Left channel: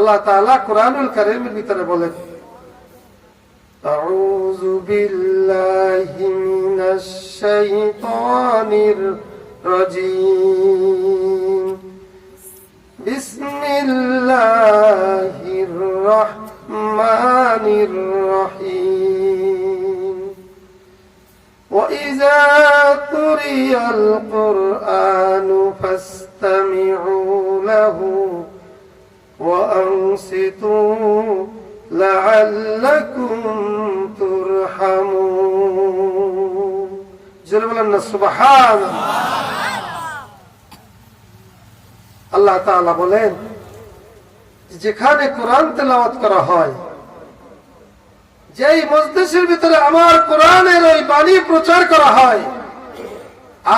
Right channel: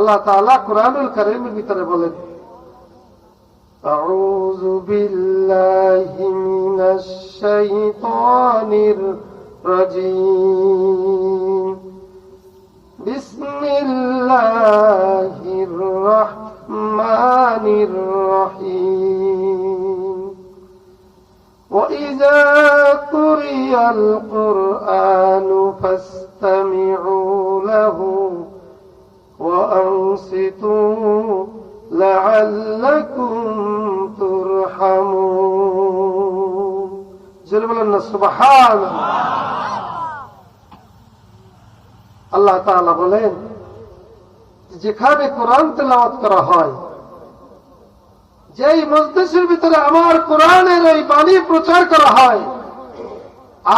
আল্লাহ তাআলা কোরআনুল কারীমের ভিতরে বলেন, আউযু বিল্লাহি মিনাশ শাইতানির রাজীম, বিসমিল্লাহির রাহমানির রহিম, وإذا قرئ القرآن فاستمعوا له وأنصتوا لعلكم ترحمون. جل بلنا سبحان আল্লাহ তাআলা বলেন, যেখানে কোরআন তেলাওয়াত করা হয়, যেই মজলিসের ভিতরে আমার কোরআনের ওই বাণী প্রচার করা হয়,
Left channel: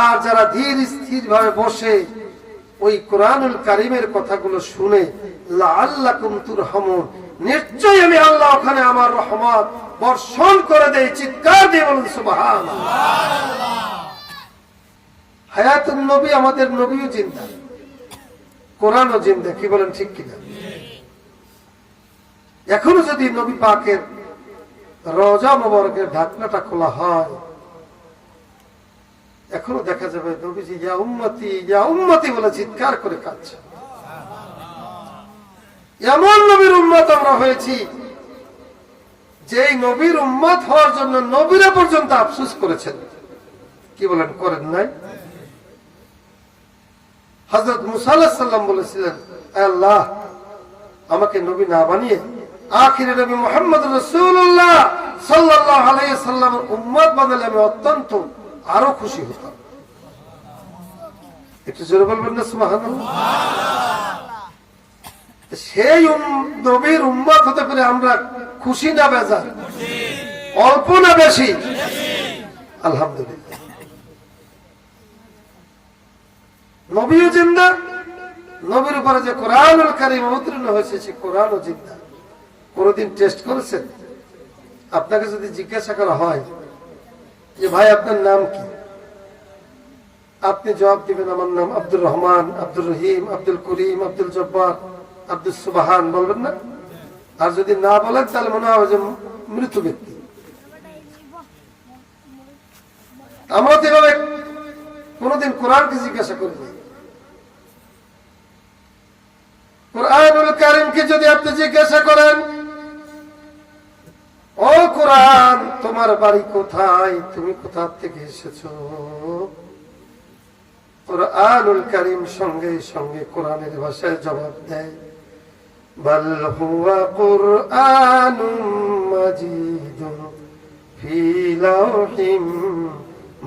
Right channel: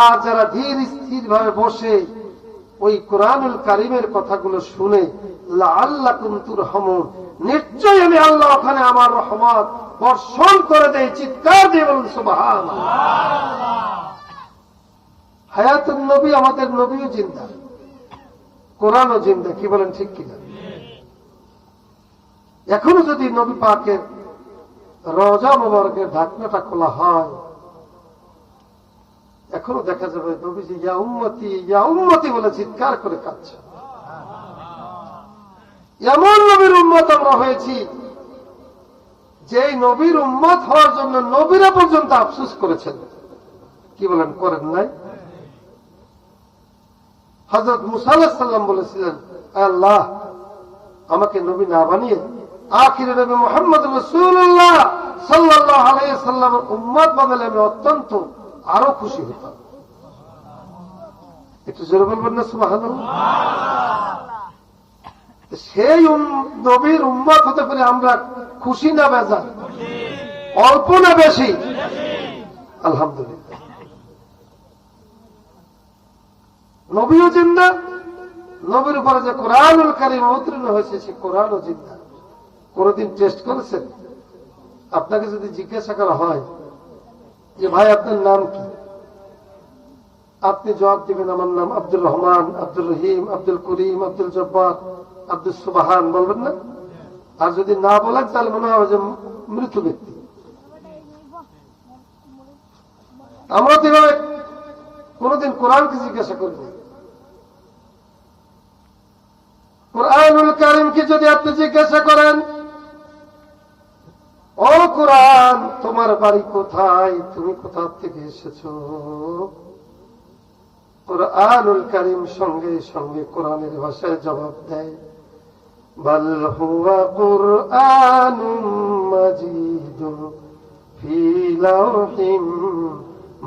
আর যারা ধীর স্থির ভাবে বসে ওই কোরআনুল কারীমের কথাগুলো শুনে, লাআল্লাকুম তুরহামুন, নিশ্চয়ই আমি আল্লাহ ওখানে আমার রহমত বর্ষণ করে দেই। চিৎকার দিয়ে বলুন সুবহানাল্লাহ। হায়াতুন নবী, আমাদের নবীও জিন্দা, কোরআনও জিন্দা, কি বলেন ঠিক কিনা? এখনো যদি নবী পাকের রওজা মুবারকের ঢাকনাটা খোলা হয়, এখনো দেখা যাবে নবীজি ইয়া উম্মতি ইয়া উম্মতি বলে চিৎকার করে কাঁদছে। এমন নবীর উম্মত আমরা হয়েছি, যেই নবীর উম্মত হওয়ার জন্য নবীরা পর্যন্ত আফসোস করেছেন, কি বলেন, করেন নাই? হযরত মুসা আলাইহিস সালাম বলেছিলেন, আল্লাহ আমাকে নবী না বানিয়ে আখিরে নবী মুহাম্মদ রাসূলুল্লাহ সাল্লাল্লাহু আলাইহি সাল্লামের উম্মত বানালে আমি অত্যন্ত আরো খুশি হতাম। একটু জোরে বলবেন না সুবহানাল্লাহ? সেই নবীর উম্মত হতে পারে আমরা খুশি না বেজার? অল্প না বেশি? আলহামদুলিল্লাহ। নবীও জিন্দা, নবীর উপরে যে কোরআনুল কারীম অবতীর্ণ হয়েছে সে কোরআনও জিন্দা। কোনদিন টেস্ট করেছেন? আপনাকে যদি জিজ্ঞাসা করা হয় যে ভাই আপনার নাম কি, আপনি জবাব দিবেন আমার নাম আব্দুর রহমান, আব্দুর রহিম, আব্দুল করিম, আব্দুল জব্বার, আব্দুল সুবহান, বলবেন না? আর যদি না বলেন তাহলে মনে হবে যে মৃত ব্যক্তি। আমরা তো এভাবে কোনদিন কোরআনকে জিজ্ঞাসা করি না। কোরআনুল কারীমকে যদি আপনি জিজ্ঞাসা করেন, ও কোরআন তোমার বাড়ি কোথায়, তুমি কোথা থেকে এসেছো, কোরআনুল কারীম সঙ্গে সঙ্গে কোরআনের ভাষায় জবাব দেয়, বাল হুয়া কুরআনুম মাজিদুন ফি লাওহিম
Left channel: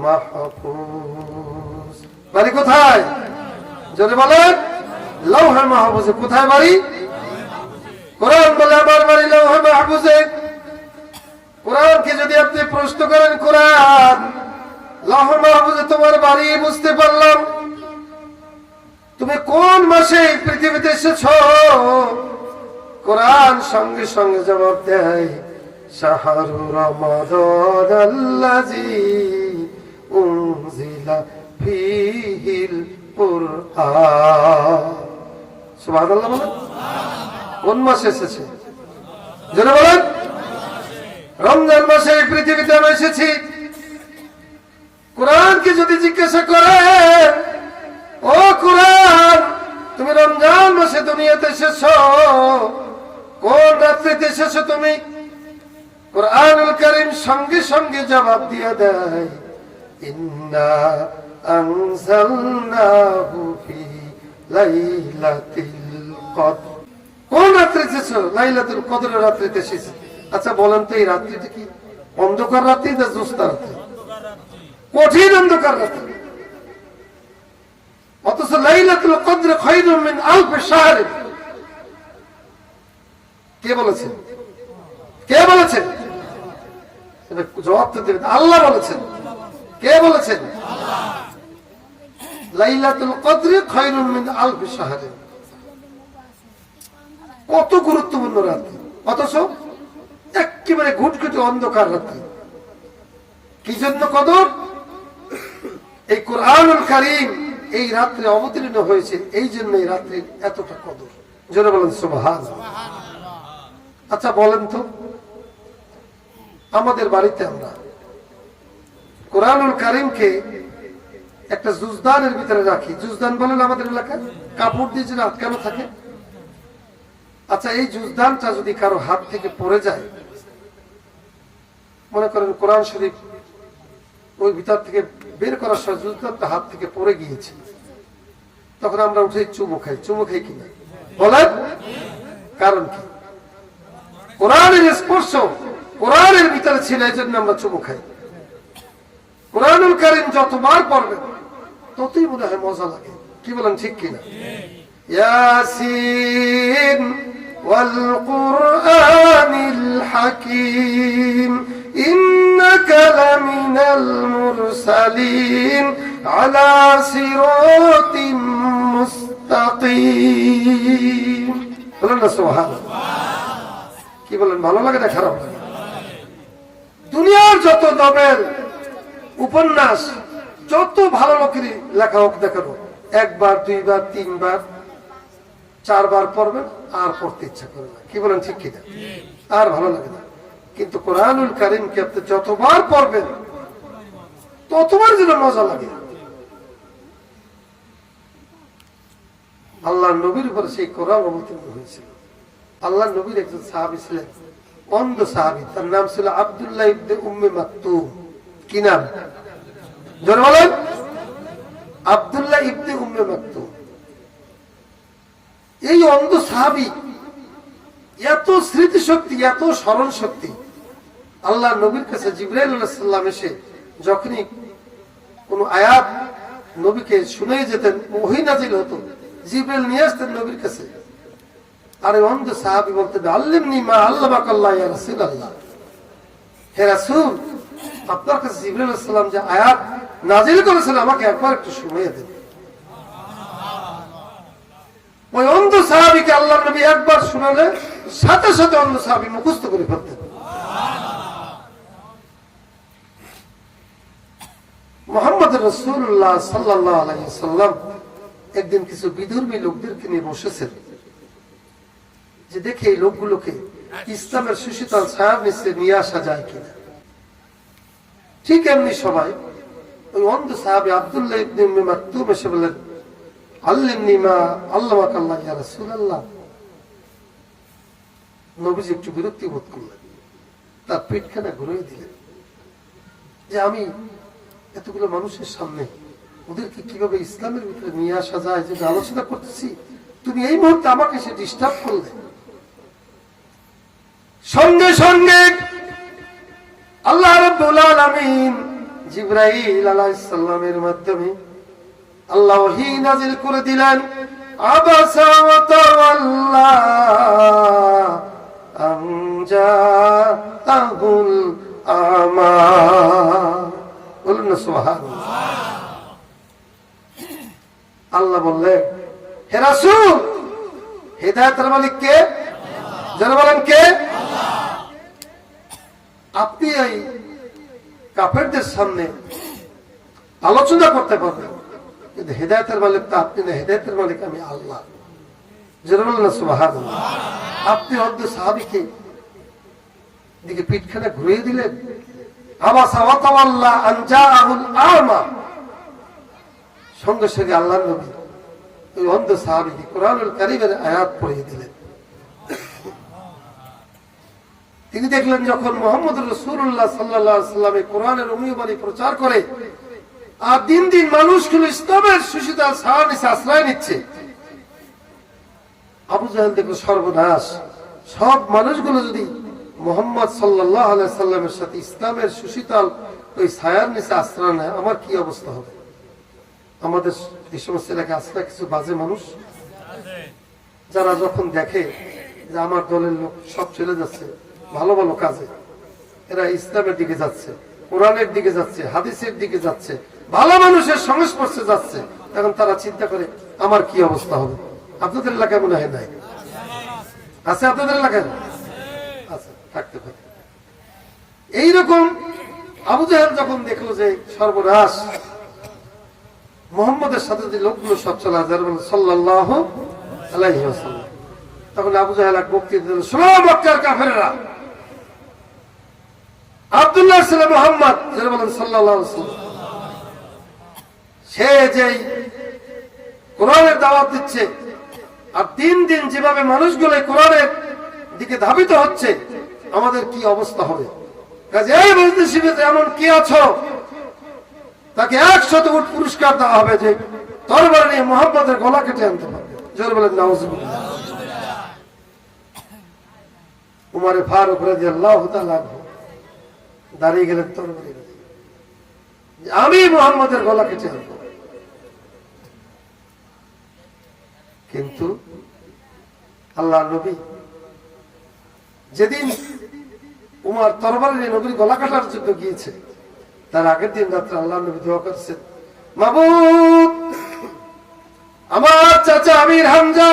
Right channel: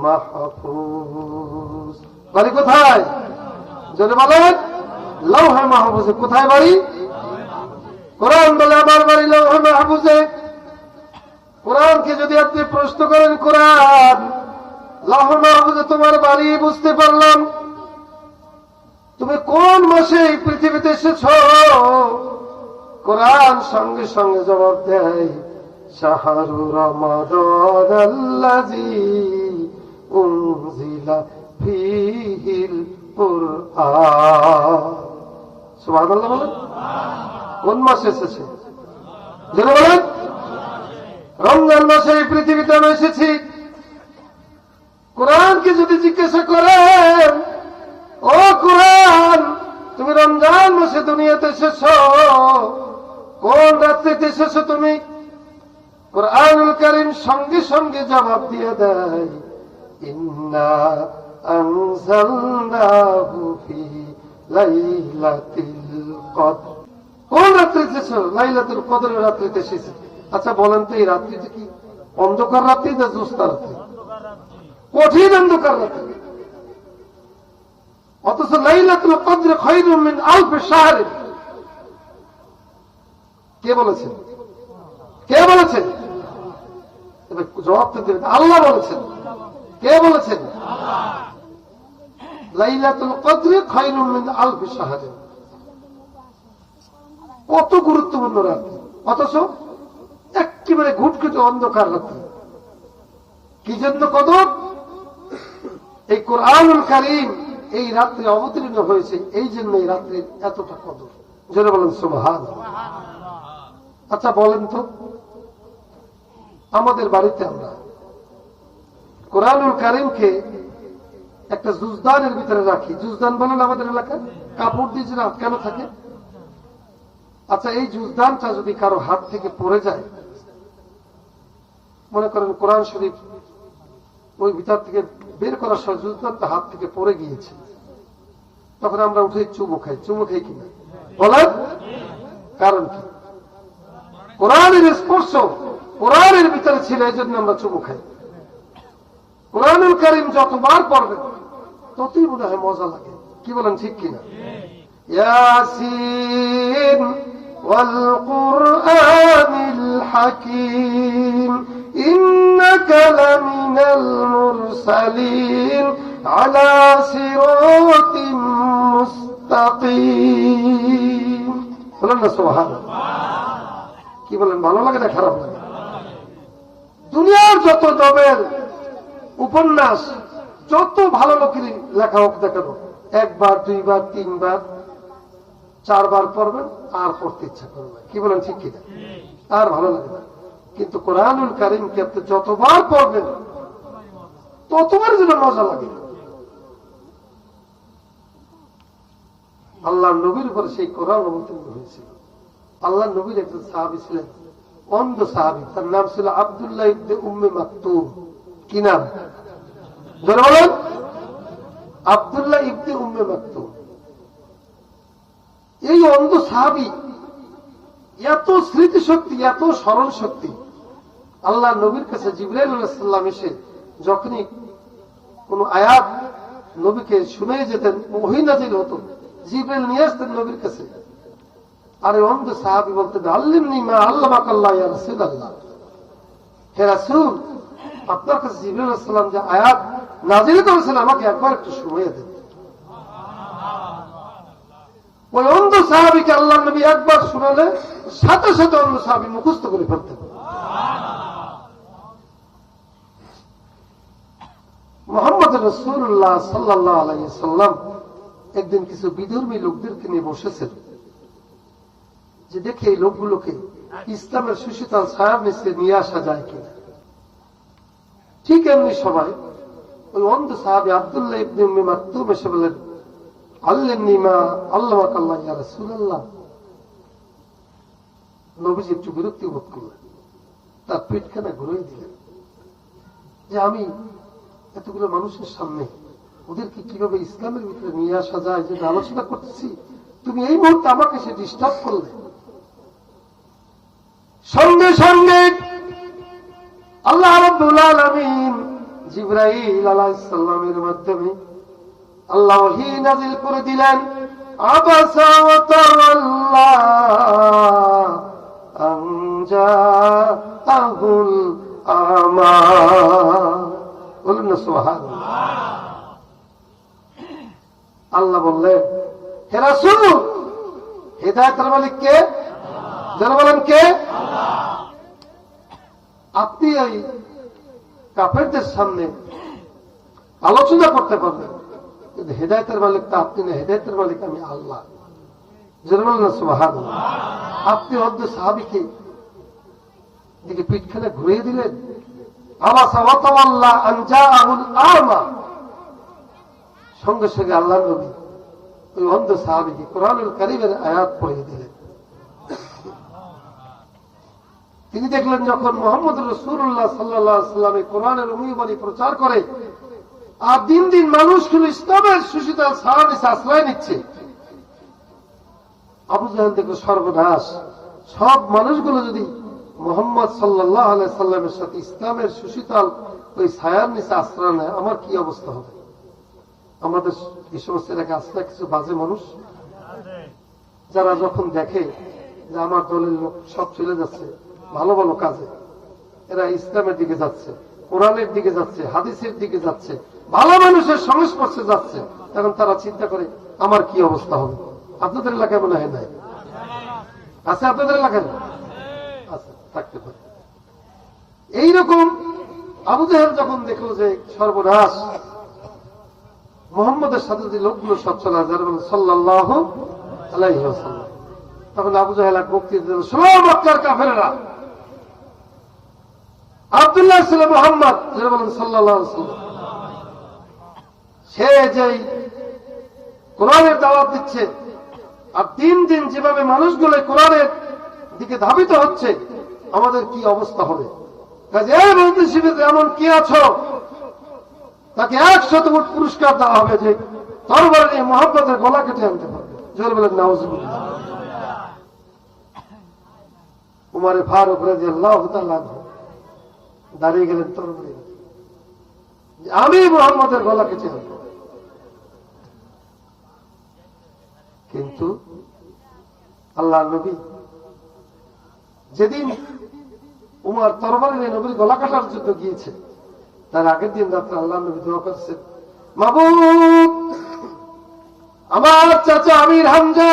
মাহফুজ। বাড়ি কোথায়? যদি বলেন লৌহে মাহফুজে। কোথায় বাড়ি? কোরআন বলে আমার বাড়ি লৌহে মাহফুজে। কোরআনকে যদি আপনি প্রশ্ন করেন, কোরআন লৌহে মাহফুজে তোমার বাড়ি, বুঝতে পারলাম, তুমি কোন মাসে এই পৃথিবীতে এসেছো? কোরআন সঙ্গে সঙ্গে জবাব দেয়, শাহরু রমাদানাল্লাযী উনজিলা ফীহিল কুরআন। সুবহানাল্লাহ বলেন। কোন মাসে এসেছে? জোরে বলেন। রমজান মাসে এই পৃথিবীতে আমি এসেছি। কোরআনকে যদি জিজ্ঞাসা করেন, ও কোরআন তুমি রমজান মাসে দুনিয়াতে এসেছো, কোন রাত্রিতে এসেছো তুমি? কোরআনুল কারীম সঙ্গে সঙ্গে জবাব দিয়ে দেয়, ইন্না আনজালনাহু ফি লাইলাতিল কদর। কোন রাত্রিতে এসেছো? লাইলাতুল কদরের রাত্রিতে এসেছো। আচ্ছা বলেন তো এই রাত্রিটা কি অন্ধকার রাত্রি না জ্যোৎস্না রাত্রি? কঠিন অন্ধকার রাত্রি। অথচ লাইলাতুল কদর খায়রুম মিন আলফ শাহর। কে বলেছেন? কে বলেছেন? জবাব তো দেবেন। আল্লাহ বলেছেন। কে বলেছেন? লাইলাতুল কদর খায়রুম মিন আলফ শাহর। কত গুরুত্বপূর্ণ রাত্রি, অথচ একেবারে ঘুটঘুটে অন্ধকার রাত্রি। কি জন্য কদর? এই কোরআনুল কারীম এই রাত্রে অবতীর্ণ হয়েছে, এই জন্য এই রাত্রির এতটা কদর। জোরে বলেন সুবহানাল্লাহ। আচ্ছা বলেন তো, আমাদের বাড়িতে আমরা কোরআনুল কারীমকে একটা জুজদানের ভিতরে রাখি। জুজদান বলেন আমাদের এলাকায়, কাপড় দিয়ে যে আটকানো থাকে। আচ্ছা, এই জুজদানটা যদি কারো হাত থেকে পড়ে যায়, মনে করেন কোরআন শরীফ ওই ভিতর থেকে বের করার সময় জুজদানটা হাত থেকে পড়ে গিয়েছে, তখন আমরা উঠে চুমু খাই। চুমু খাই কিনা বলেন? কারণ কি? কোরআনের স্পর্শ কোরআনের ভিতরে ছিল, এই জন্য আমরা চুমু খাই। কোরআনুল কারীম যতবার পড়বেন ততই মনে হয় মজা লাগে। কি বলেন, ঠিক কিনা? ইয়াসিন ওয়াল কুরআনিল হাকীম ইন্নাকা লামিনাল মুরসালিন আলা সিরাতিম মুস্তাকিম। বলেন না সুবহানাল্লাহ। কি বলেন, ভালো লাগে না খারাপ লাগে? দুনিয়ার যত নোবেল উপন্যাস যত ভালো লোকেরই লেখা হোক না কেন, একবার দুইবার তিনবার চারবার পড়বেন আর পড়তে ইচ্ছা করবে না। কি বলেন, ঠিক কিনা? আর ভালো লাগে না। কিন্তু কোরআনুল কারীমকে আপনি যতবার পড়বেন ততবার যেন মজা লাগে। আল্লাহ নবীর উপর সেই কোরআন অবতীর্ণ হয়েছিল। আল্লাহ নবীর একজন সাহাবী ছিলেন, অন্ধ সাহাবী, তার নাম ছিল আব্দুল্লাহ ইবনে উম্মে মাকতুম। কি নাম? জোরে বলেন। আব্দুল্লাহ ইবনে উম্মে মাকতুম। এই অন্ধ সাহাবী এত স্মৃতিশক্তি, এত স্মরণ শক্তি, আল্লাহ নবীর কাছে জিবরাইল আলাইহিস সালাম এসে যখনই কোন আয়াত নবীকে শুনিয়ে যেতেন, ওহী নাযিল হতো, জিবরাইল নিয়ে আসতেন নবীর কাছে। আর অন্ধ সাহাবী বলতেন, আল্লিমনি মা আল্লামাকাল্লাহ ইয়া রাসূলুল্লাহ। হে রাসূল, আপনার কাছে জিবরাইল আলাইহিস সালাম যে আয়াত নাযিল করেছেন আমাকে একবার একটু শুনিয়ে দেন। ওই অন্ধ সাহাবীকে আল্লাহর নবী একবার শুনালে সাথে সাথে অন্ধ সাহাবী মুখস্থ করে ফেলতেন। মুহাম্মদ রাসূলুল্লাহ সাল্লাল্লাহু আলাইহি ওয়াসাল্লাম একদিন কিছু বিধর্মী লোকদেরকে নিয়ে বসেছেন, যে দেখে এই লোকগুলোকে ইসলামের সুশীতল ছায়ার নিচে নিয়ে আসা যায় কিনা। ঠিক এমনি সবাই ওই অন্ধ সাহাবী আব্দুল্লাহ ইবনে উম্মে মাকতুম এসে বললেন, আল্লিমনি মা আল্লামাকাল্লাহ ইয়া রাসূলুল্লাহ। নবীজি একটু বিরক্তি বোধ করলেন, তার পিঠখানা ঘুরিয়ে দিলেন, যে আমি এতগুলো মানুষের সামনে ওদেরকে কিভাবে ইসলামের ভিতরে নিয়ে আসা যায় যে আলোচনা করতেছি, তুমি এই মুহূর্তে আমাকে সে ডিস্টার্ব করলে। সঙ্গে সঙ্গে আল্লাহ রাব্বুল আলামিন জিবরাইল আলাইহিস সালামের মাধ্যমে আল্লাহ ওহী নাযিল করে দিলেন, আবাসা ওয়া তাওয়াল্লা আন জাআহুল আমা। বলুন না সুবহানাল্লাহ। আল্লাহ বললেন, হে রাসূল, হিদায়াতের মালিক কে? যারা বলেন কে? আপনি এই কাফেরদের সামনে আলোচনা করতে পারবেন, কিন্তু হিদায়াতের মালিক তো আপনি না, হিদায়াতের মালিক আমি আল্লাহ। যারা বলেন না সুবহানাল্লাহ। আপনি অন্ধ সাহাবীকে দিকে পিঠখানা ঘুরিয়ে দিলেন, আবাসা ওয়া তাওয়াল্লা আন জাআহুল আমা। সঙ্গে সঙ্গে আল্লাহর নবী ওই অন্ধ সাহাবীকে কোরআনুল কারীমের আয়াত পড়িয়ে দিলেন। তিনি দেখলেন যখন মুহাম্মদ রাসূলুল্লাহ সাল্লাল্লাহু আলাইহি ওয়াসাল্লাম কোরআনের অনুবাণী প্রচার করে আর দিন দিন মানুষগুলো ইসলামের সুশীতল ছায়ার নিচে আশ্রয় নিচ্ছে, আবু জাহেল দেখলো সর্বনাশ, সব মানুষগুলো যদি মুহাম্মদ সাল্লাল্লাহু আলাইহি ওয়াসাল্লামের সাথে ইসলামের সুশীতল ওই ছায়ার নিচে আশ্রয় নেয়, আমার কি অবস্থা হবে? আমাদের এই সমস্ত এলাকায় আসলে কিছু বাজে মানুষ যারা যখন দেখে যে আমার দলের লোক সব চলে যাচ্ছে ভালো ভালো কাজে, এরা ইসলামের দিকে যাচ্ছে, কোরআনের দিকে যাচ্ছে, হাদিসের দিকে যাচ্ছে, ভালো মানুষের সংস্পর্শে যাচ্ছে, তখন তারা চিন্তা করে আমার কি অবস্থা হবে। আপনাদের এলাকায় মনে হয় নাই? আছে আপনাদের এলাকায়? আচ্ছা, থাকতে পারে। এইরকম আবু জাহেল যখন দেখলো যে সর্বনাশ, মুহাম্মদের সাথে যে লোকগুলো সব চলে আসে সাল্লাল্লাহু আলাইহি ওয়াসাল্লাম, তখন আবু জাহেল এক বক্তৃতা দিল, শোনো মক্কার কাফেরেরা, আব্দুল্লাহ ছেলে মুহাম্মদ যারা বলেন সাল্লাল্লাহু আলাইহি ওয়াসাল্লাম, সে যেই কোরআনের দাওয়াত দিচ্ছে আর দিন দিন যেভাবে মানুষগুলো কোরআনের দিকে ধাবিত হচ্ছে, আমাদের কি অবস্থা হবে? কাজে এই বিজনেসিতে এমন কি আছো, তাকে 100 উট পুরস্কার দেওয়া হবে যে তরবারি নিয়ে মুহাম্মদের গলা কেটে আনতে পারবে। জোরে বলেন নাউজুবিল্লাহ। উমর ফারুক রাদিয়াল্লাহু তাআলা দাঁড়িয়ে গেলেন তরবারি, আমি মুহাম্মদের গলা কেটে আনবো। কিন্তু আল্লাহর নবী যেদিন উমর তরবারি নিয়ে নবীর গলা কাটার জন্য গিয়েছে, তার আগের দিন রাত্রে আল্লাহর নবী দোয়া করেছেন, মাবুদ, আমার চাচা আমির হামজা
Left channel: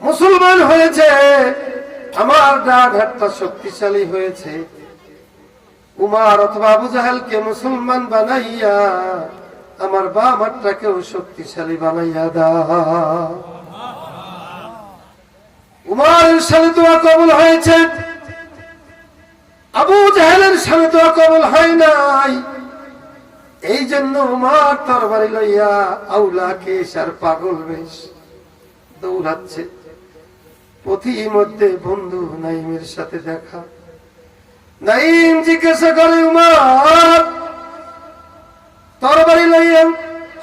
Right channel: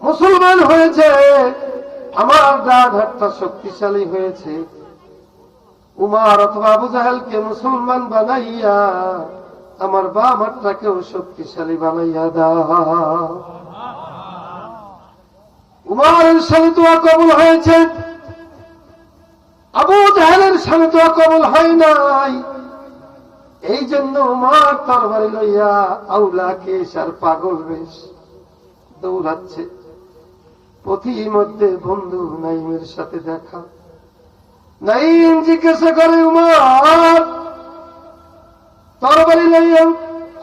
মুসলমান হয়েছে, আমার ডান হাতটা শক্তিশালী হয়েছে, উমর অথবা আবু জাহেলকে মুসলমান বানাইয়া আমার বাম হাতটাকেও শক্তিশালী বানাইয়া দাও। উমরের সাথে দোয়া কবুল হয়েছে, আবু জাহেলের সাথে দোয়া কবুল হয় নাই। এই জন্য উমর তরবারি লইয়া আউলাকে সার পাগল বেশ দৌড়াচ্ছে। পথির মধ্যে বন্ধু নাইমের সাথে দেখা। নাইম জিজ্ঞাসা করে, উমর তরবারি লইয়া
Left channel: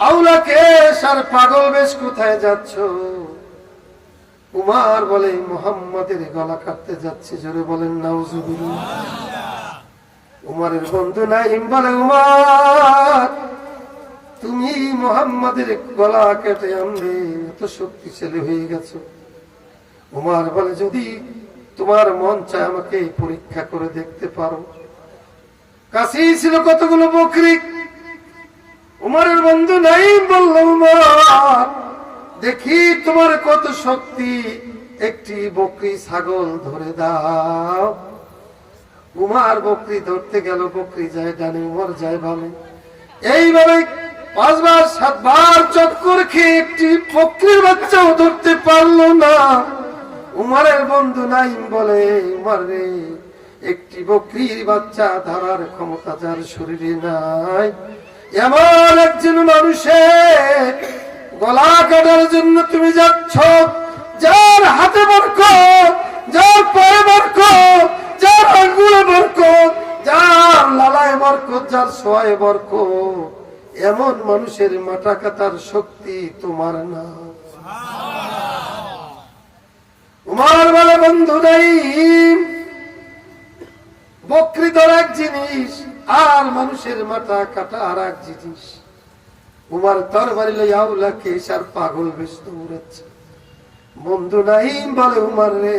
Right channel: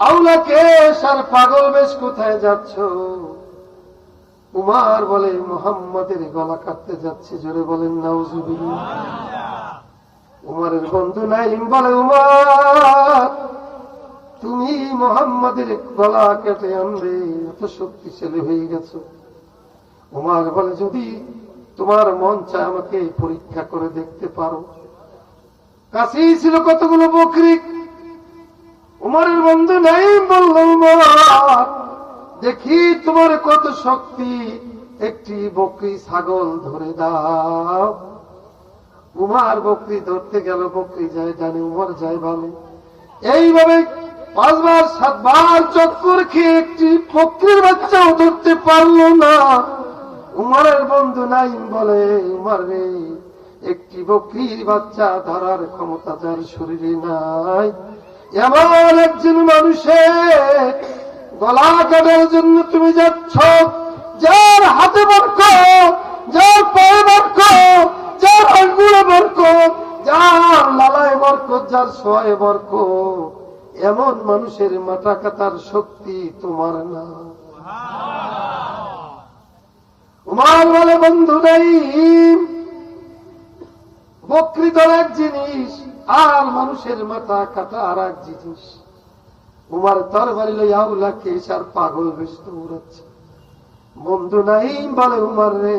আউলাকে সার পাগল বেশ কোথায় যাচ্ছ? উমর বলে, মুহাম্মাদের গলা কাটতে যাচ্ছি। জোরে বলেন নাউজুবিল্লাহ। উমরের বন্ধু নাইম বলে, উমর তুমি মুহাম্মাদের গলা কেটে আনবে, এত শক্তিশালী হয়ে গেছো। উমর বলে, যদি তোমার মন চায় আমাকে পরীক্ষা করে দেখতে পারো। কাছেই ছিল কতগুলো বকরি। উমরের বন্ধু নাইম বলল, উমর দেখি তোমার কত শক্তি, একটি বকরি ছাগল ধরে দাও। উমর বকরি ধরতে গেল, বকরি যায় ডানে, উমর যায় বামে। এইভাবে 5 বার 7 বার চক্কর খেয়ে একটি বকরির বাচ্চাও ধরতে পারলো না। উমরের বন্ধু নাইম বলে, উমর রে, একটি বকরির বাচ্চা ধরার ক্ষমতা যার শরীরে নাই, এমন একজন মানুষের গলা কাটার জন্য তুমি যাচ্ছ, যার হাতে বরকত, যার পায়ে বরকত, যার আঙ্গুলে বরকত, যার লালায় বরকত, যার সোয়ায় বরকত, এমন মানুষের মাথা কাটার শক্তি তোমার না। উমর বলে, বন্ধু নাই, বকরি ধরা এক জিনিস আর মানুষের মাথা কাটা আর এক জিনিস। উমর তরবারি লইয়া আউলাকে সার পাগল বেশ দৌড়াচ্ছে। বন্ধু নাইম বলে, উমর রে,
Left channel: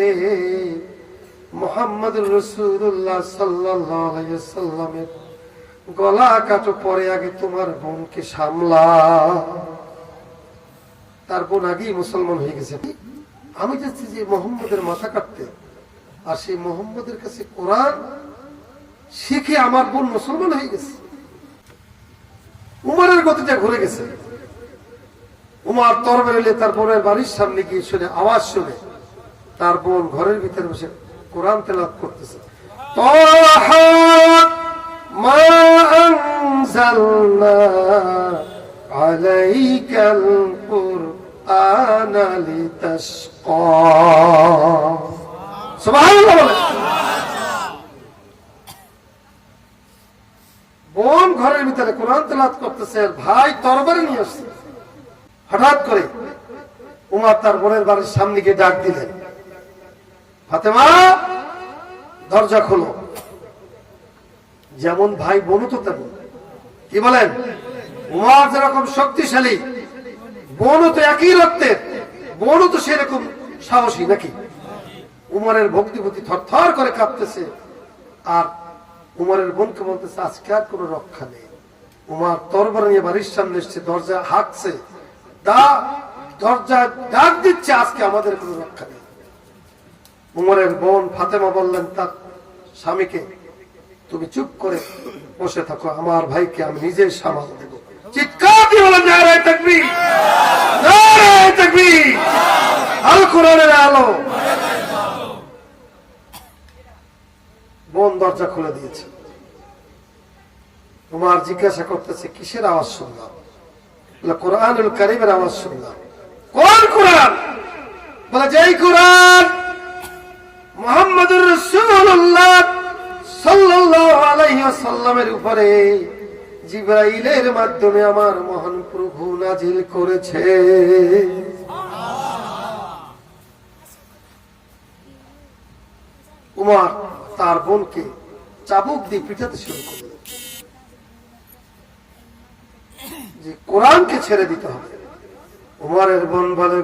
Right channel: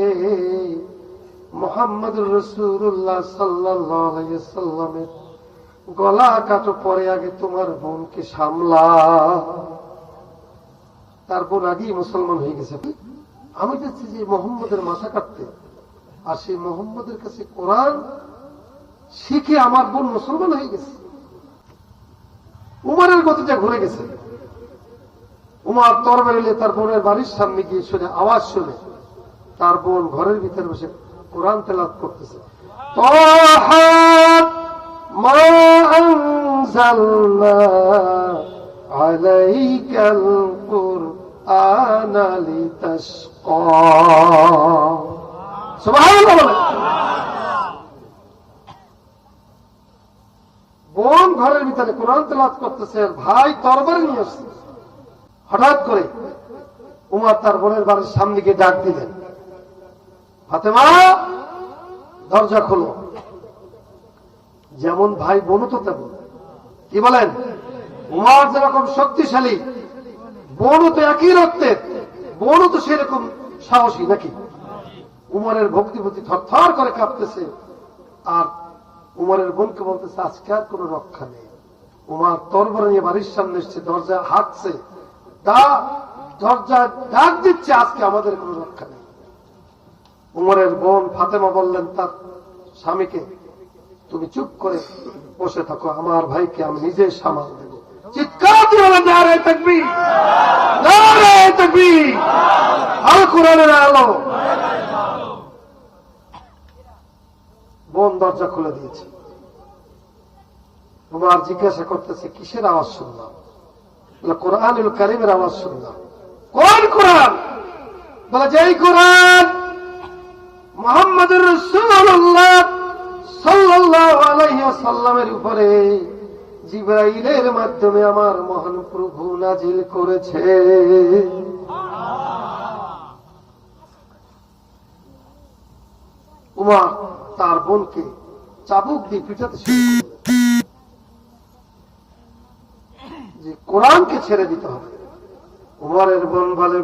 মুহাম্মদুর রাসূলুল্লাহ সাল্লাল্লাহু আলাইহি ওয়াসাল্লামের গলা কাটো, পরে আগে তোমার বোনকে সামলা। তার বোন আগেই মুসলমান হয়ে গেছে। আমি যাচ্ছি যে মুহাম্মদের মাথা কাটতে, আর সেই মুহাম্মদের কাছে কোরআন শিখে আমার বোন মুসলমান হয়ে গেছে। উমরের গতিটা ঘুরে গেছে। উমর তরবারি নিয়ে তার বোনের বাড়ির সামনে গিয়ে শুনে, আওয়াজ শুনে তার বোন ঘরের ভিতরে বসে কোরআন তেলাওয়াত করতেছে। তাহা মা আনজালনা আলাইকাল কুরআনা লিতাশকা। সুবহানাল্লাহ। বোন ঘরের ভিতরে কোরআন তেলাওয়াত করতেছে, আর ভাই তরবারি নিয়ে আসছে। হঠাৎ করে উমর তার বোনের বাড়ির সামনে গিয়ে ডাক দিলেন, ফাতেমা দরজা খোলো। যেমন ভাই বোনও তো তেমন। কি বলেন? উমর যেরকম শক্তিশালী, বোনও তো একই রক্তের, বোনও তো সেরকম সাহসী নাকি? উমরের ভক্তিভূতি থরথর করে কাঁপতেছে, আর উমরের বোনকে বলতেছে, আজকে আর কোনো রক্ষা নেই। উমর তরবারি নিয়ে বাড়ির সামনে এসছে, দরজা হাঁকছে, দরজা ডাক দিচ্ছে, আজকে আমাদের কোনো রক্ষা নেই। উমরের বোন ফাতেমা বললেন তার স্বামীকে, তুমি চুপ করে বসে থাকো, আমার ভাইকে আমি নিজে সামাল দেব। চিৎকার দিয়ে বলেন নারায়ে তাকবীর, নারায়ে তাকবীর। আল কোরআনের আলো। বোন দরজা খুলে দিয়েছে। ওমর জিজ্ঞাসা করতেছে কিসের আওয়াজ শুনলাম? বলে কোরআনুল কারীমের আওয়াজ শুনলাম। কোন কোরআন? বলে যেই কোরআন মুহাম্মদুর রাসূলুল্লাহ সাল্লাল্লাহু আলাইহি ওয়াসাল্লামের উপরে জিবরাইলের মাধ্যমে আমার মহান প্রভু নাজিল করেছে। উমর তার বোনকে চাবুক দিয়ে পিটাতে শুরু করলেন যে কোরআনকে ছেড়ে দিতে হবে। উমরের বোন বলে,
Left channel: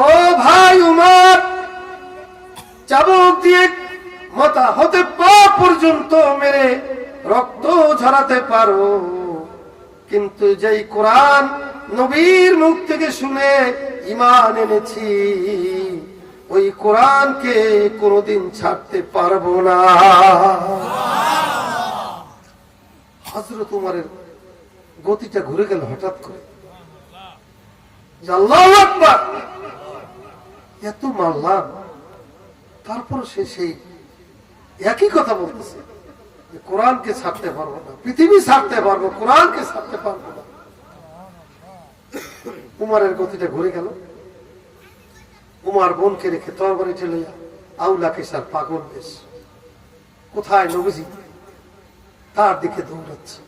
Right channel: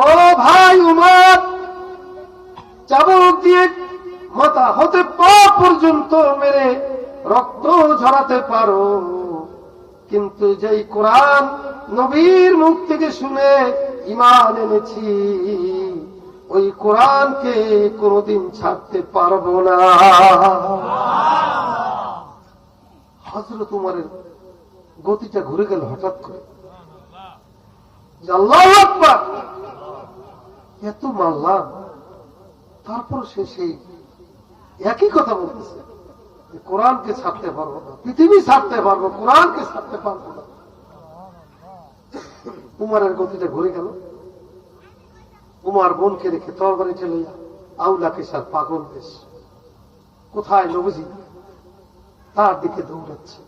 ও ভাই উমর, চাবুক দিয়ে মাথা হতে পা পর্যন্ত মেরে রক্ত ঝরাতে পারো, কিন্তু যেই কোরআন নবীর মুখ থেকে শুনে ঈমান এনেছি ওই কোরআনকে কোনদিন ছাড়তে পারবো না। হযরত উমরের গতিটা ঘুরে গেল হঠাৎ করে। আল্লাহু আকবার, এত মারলাম তারপর সে সেই একই কথা বলতেছে, কোরআনকে ছাড়তে পারবো না, পৃথিবী ছাড়তে পারবো, কোরআনকে ছাড়তে পারবো না। উমরের গতিটা ঘুরে গেল। উমর বোনকে রেখে তরবারি ঠেলে আউলা কিসার পাগল বেশ কোথায় নবীজি তার দিকে দৌড়াচ্ছে।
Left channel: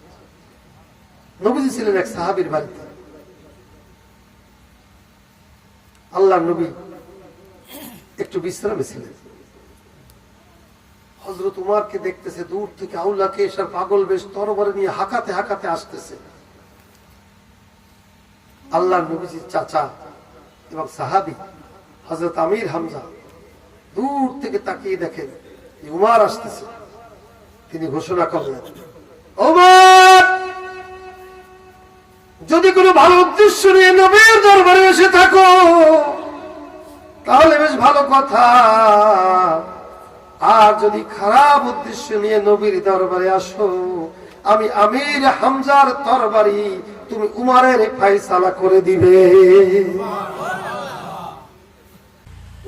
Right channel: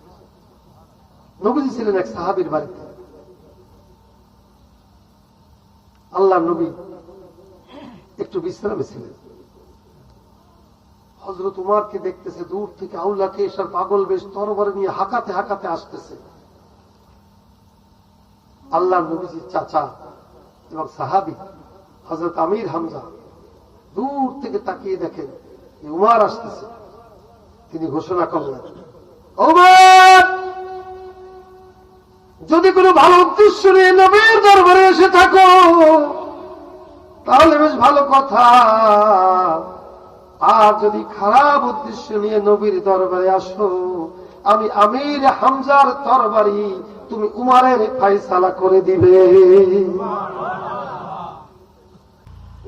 নবীজি ছিলেন এক সাহাবীর বাড়িতে। আল্লাহর নবী একটু বিশ্রামে ছিলেন। হযরত উমরকে দেখতেছে দূর থেকে আউলা কিসার পাগল বেশ তরবারি নিয়ে হাঁকাতে হাঁকাতে আসতেছে। আল্লাহর নবীজির চাচা এবং সাহাবী হযরত আমির হামজা দূর থেকে তাকিয়ে দেখেন উমর আসতেছে। তিনি ঘোষণা করলেন, উমর, যদি কোনো ভালো উদ্দেশ্য নিয়ে নবীর দরবারে এসে থাকো তাহলে বেশ ভালো কথা, আর যদি খারাপ উদ্দেশ্য নিয়ে নবীর দরবারে আসো আমি আমির হামজার তরবারি তুমি উমরের ফয়সালা করে দিবে।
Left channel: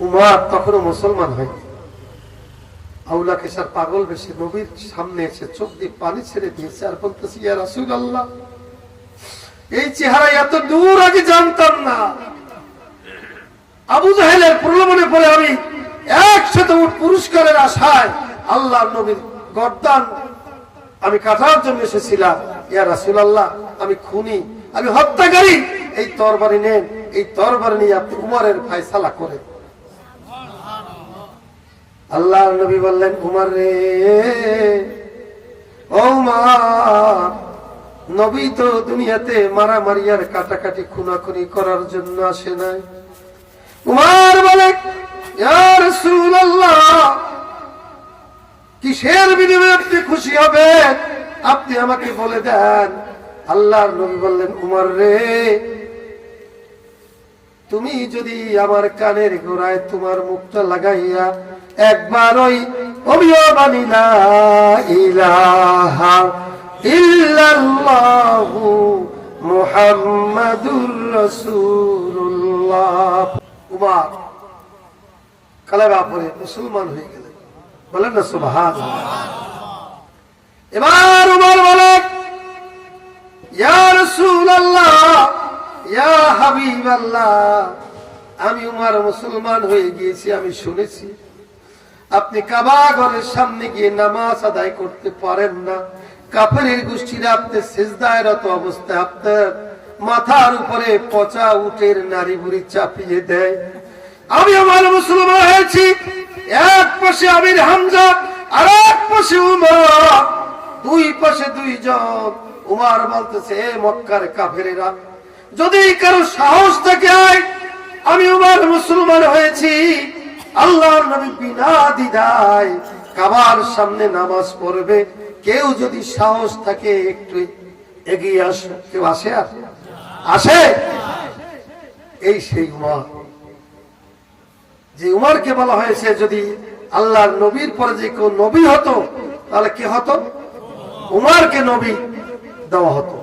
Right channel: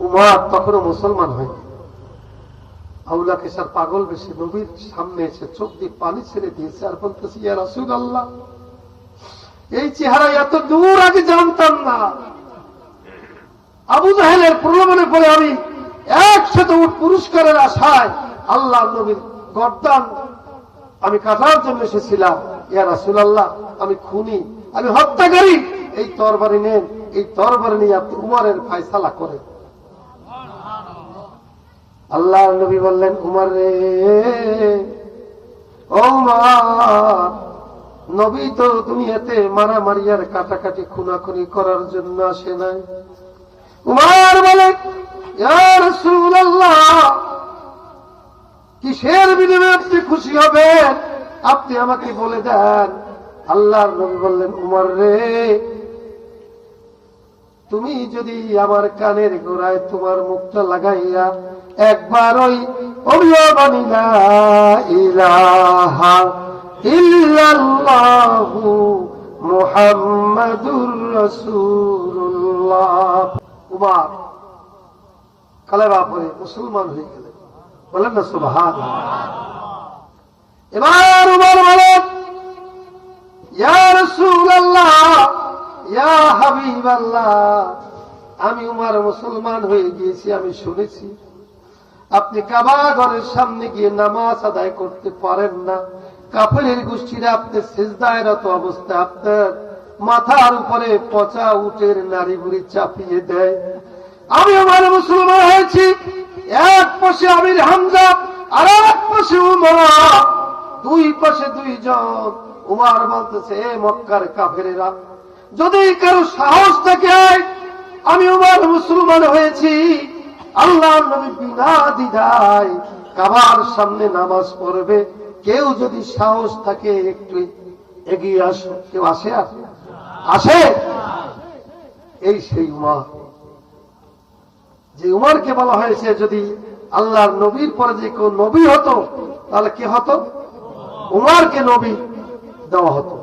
উমর তখনও মুসলমান হয়নি। আউলা কিসার পাগল বেশি নবীর সামনে এসে চোখ দিয়ে পানি ছেড়ে দিয়েছে আর বলতেছে, ইয়া রাসূলুল্লাহ, এই চেহারা এত দূর আগে জানতাম না। আবু জাহেলের প্রলোভনে পড়ে আমি একসাথে পুরস্কারের আশায় আল্লাহর নবীর গর্দান আমি কাটার জন্য এসেছিলাম। ইয়া রাসূলুল্লাহ, আমি খুনি, আমি হত্যাকারী, এই তরবারি নেন, এই তরবারি নিয়ে আপনি উমরের ফয়সালা করেন। আল্লাহর নবী বললেন, উমর রে, ও উমর, নবী তো দুনিয়াতে মারামারি আর কাটাকাটি খুনাখুনি করার জন্য আসে নাই। উমর বলে, ইয়া রাসূলুল্লাহ, কিসের বিনিময়ে আপনি খুশি হবেন আপনি আমাকে বলে দেন। আল্লাহর নবী বললেন, উমর রে, তুমি যদি আমার কানের গোড়ায় তোমার মুখটা লাগাইয়া একবার ওই অভিবানী লা ইলাহা ইল্লাল্লাহু মুহাম্মাদুর রাসূলুল্লাহ, উমর কালেমা পড়ে মুসলমান হয়ে গেলেন। বলেন না সুবহানাল্লাহ। এবার উমর বলেন, ইয়া রাসূলুল্লাহ, ইয়া হাবিবাল্লাহ, আমি উমর মুসলমান হয়ে গিয়েছি। আমি শুনেছি আপনি কাবা ঘরের সামনে গিয়ে নামাজ আদায় করতে পারেন না। কাফেরের গোষ্ঠীরা আপনি সিজদায় রত অবস্থায় আপনার মাথার উপরে পচা উটের নাড়ি বুড়ি চাপিয়ে দেয়। আমি উমর মুসলমান হয়েছি। এক পাশে আমির হামজা আর এক পাশে উমর, দুই পাশে দুইজন। উমর বলতেছে, এ মক্কার কাফেরেরা, যদি কারো সাহস থাকে আমি উমর মুসলমান হয়েছি, আল্লাহর নবী বিনা দ্বিধায় কাবার সামনে নামাজ পড়বে, কেউ যদি সাহস থাকে একটু এগিয়ে আসো। কেউ আসে? আসে? এই সেই উমর, যে উমরকে বলা হয়েছে যদি আল্লাহর নবীর পরে যে কেউ নবী হতো তাহলে কে হতো? উমরকে নবী দেওয়া হতো।